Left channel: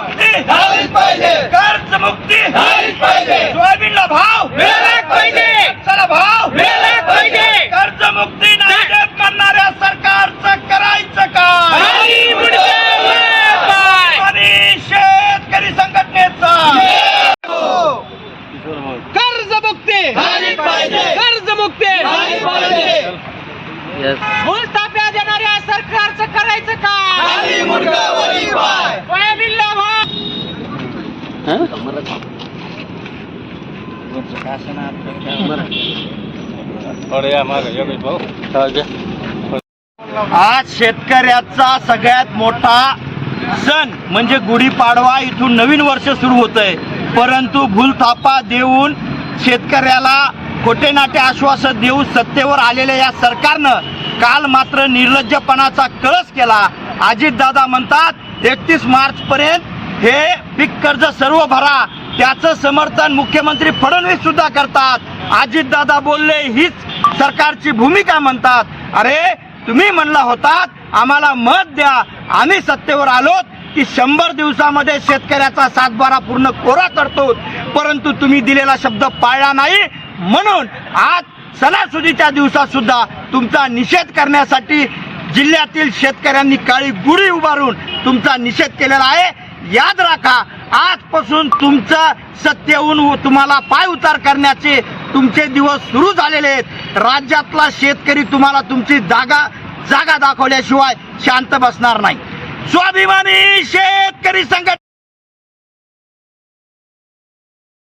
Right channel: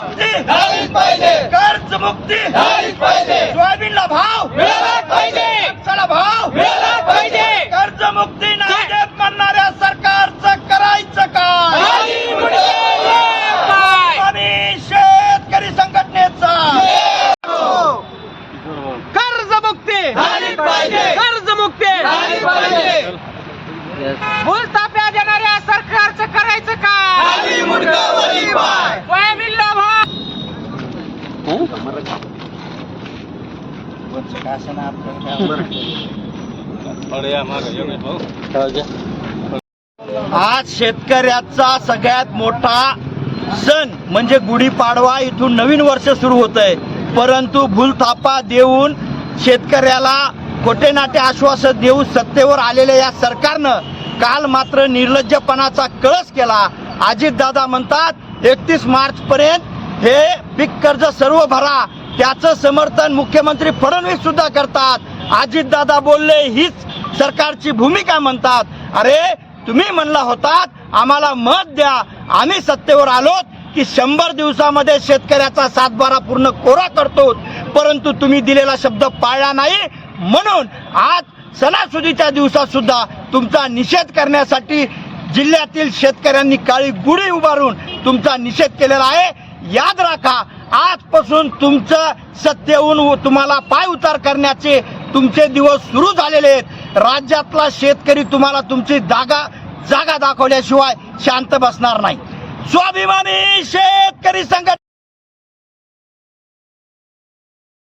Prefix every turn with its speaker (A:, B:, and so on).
A: मुक्ती
B: झालीच पाहिजे.
A: कर्ज मुक्ती
B: झालीच पाहिजे.
A: सोयाबीनला भाव
B: मिळालाच पाहिजे.
A: चला भाव
B: मिळालाच पाहिजे.
A: कर्ज मुक्ती नाही देत म्हणणाऱ्या सरकारचं करायचं काय. आणि शेतकरी संघटनेचा.
C: कर्जमुक्ती
B: झालीच पाहिजे.
C: कर्जमुक्ती
B: झालीच पाहिजे.
C: भूलथाप्या देणाऱ्या सरकारचं करायचं काय
B: खाली मुंडकावरी पाय
C: सोयाबीनला भाव
A: आज शेतकऱ्याचा सगळ्यात मोठा सण म्हणजे गुढीपाडवा. इथून नवीन वर्ष सुरू होत आहे परंतु भूलथापा देऊन शेतकऱ्याला खोटे नाटे आश्वासन देऊन सत्तेवर आलेल्या या सरकारनं काल मात्र निर्लज्जपणाचा कळस केला. अजितदादा म्हणतात एकतीस मार्च पर्यंत हे पीक कर्ज सर्व भरा. त्याचं समर्थन मुख्यमंत्री फडणवीस सुद्धा करतात. अजितदादा बोलले हीच सरकारची भूमिका म्हणतात. अरे तुम्ही म्हणला होतात आम्हाला मत द्या. आम्ही सत्तेवर आलोत की शंभर दिवसामध्ये शेतकऱ्याचा सातबारा पूर्ण कोरा करतो. परंतु तुम्ही दिलेला शब्द पाळला नाही. म्हणून आज सणासुदीच्या दिवसात सुद्धा तुमचा निषेध करण्यासाठी जिल्ह्यातील शेतकऱ्यांनी काळी गुढी उभारून तुमचा निषेध केलेला आहे. याद राखा आजपासून तुमचं सत्तेहून होऊन तुम्हाला पाय उतार करण्याचे तुमचे दिवस सुरू झालेले आहेत. राज्यातला शेतकरी तुम्हाला तुमची जागा जागा दाखवल्याशिवाय शांत बसणार नाही. स्वाभिमानी शेतकरी संघटना